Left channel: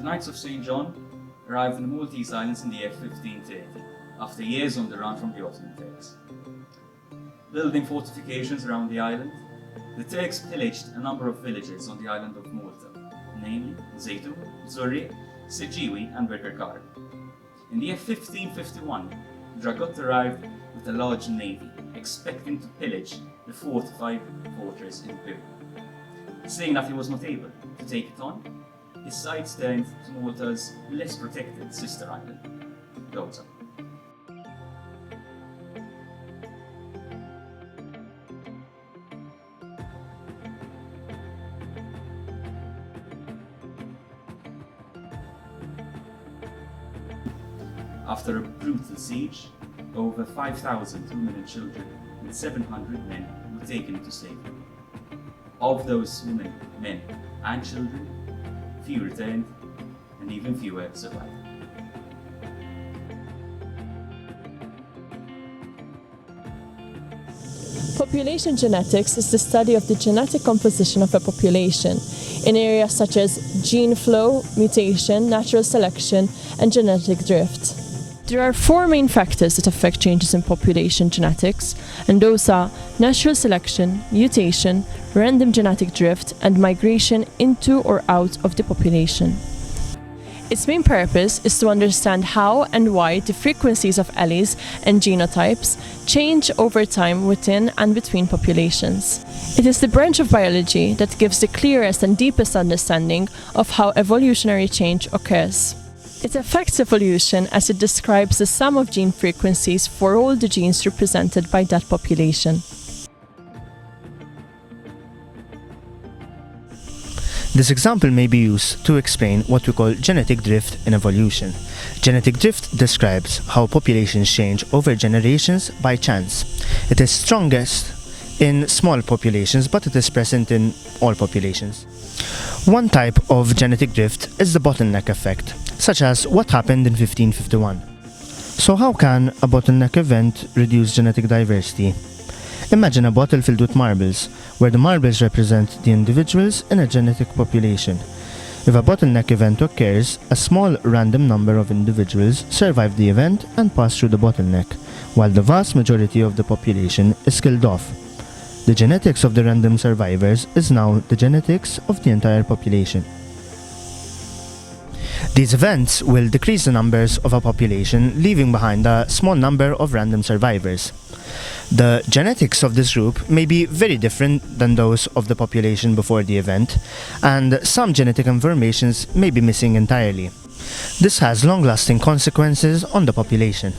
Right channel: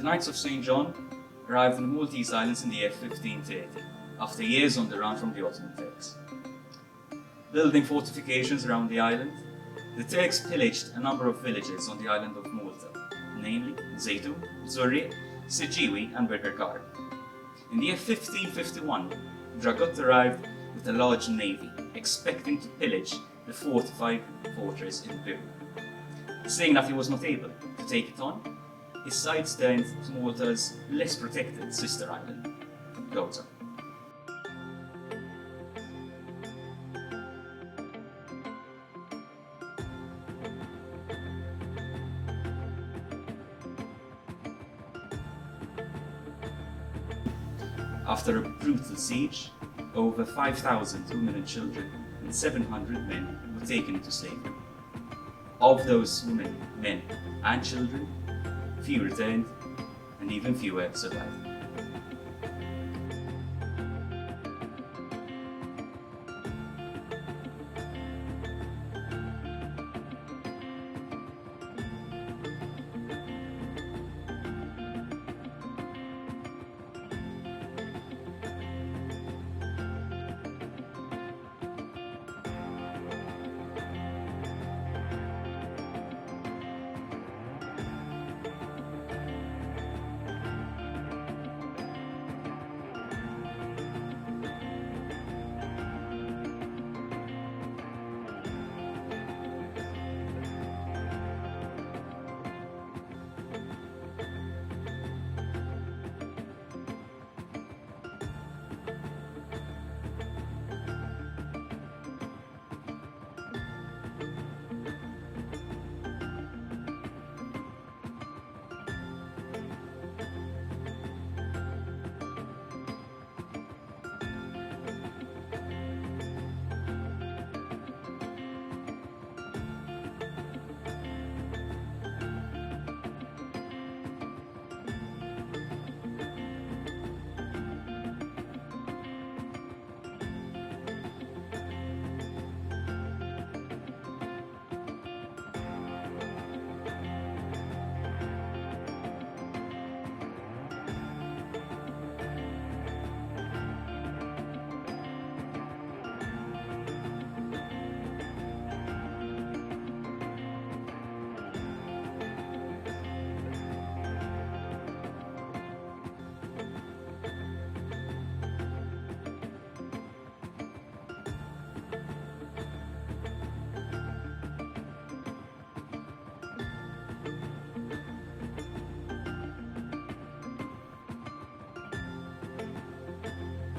The Knights of St. John arrived in the Maltese islands in the year 1530, after years on the run from the Ottoman Turks. Building fortifications around the island, the Turks pillaged a number of villages on the island of Malta, namely Gozo, Zurri, Sijiwi and Birkirkar. In the year 1551, Dragut arrived with a large navy, expecting to pillage the fortified fortress in Peru. Seeing that he was not able to take it on, his sights turned to Malta's less protected sister island, Gozo. After a brutal siege, over 5,000 women and children and 700 men were taken into slavery. Of those women, men and children, few returned and even fewer survived. Population genetics is the study of the genetic composition of a population in areas such as gene flow, mutation, natural selection, and genetic drift. There are four main factors that affect changes in population genetics, and those are natural selection, mutation, random genetic drift, and migration into or out of the population. Its main purpose is to understand how and why the frequencies of alleles and genotypes change over time within and between populations. It is the branch of biology that gives the clearest and deepest understanding of how evolutionary change occurs. It affects evolution as it describes the sum of gene frequencies for all the genes represented by that population. This example may be used to explain what we call genetic drift in evolution. Genetic drift describes how populations change over generations by chance. It is strongest in small populations, but it is present in all populations. One type of genetic drift is the bottleneck effect, such as what happened in 1551. So how can a bottleneck event reduce genetic diversity? Imagine a bottle filled with marbles, where the marbles represent the individuals in a genetic population. If a bottleneck event occurs, a small random number of individuals survive the event and pass through the bottleneck, while the vast majority of the population is killed off. The genetics of the random survivors is now the genetics of the entire population. These events will decrease the numbers of a population, leaving behind a small number of random survivors. The genetics of this group may be very different than those of the population before the event, and some genetic informations may be missing entirely. This has long-lasting consequences on the population.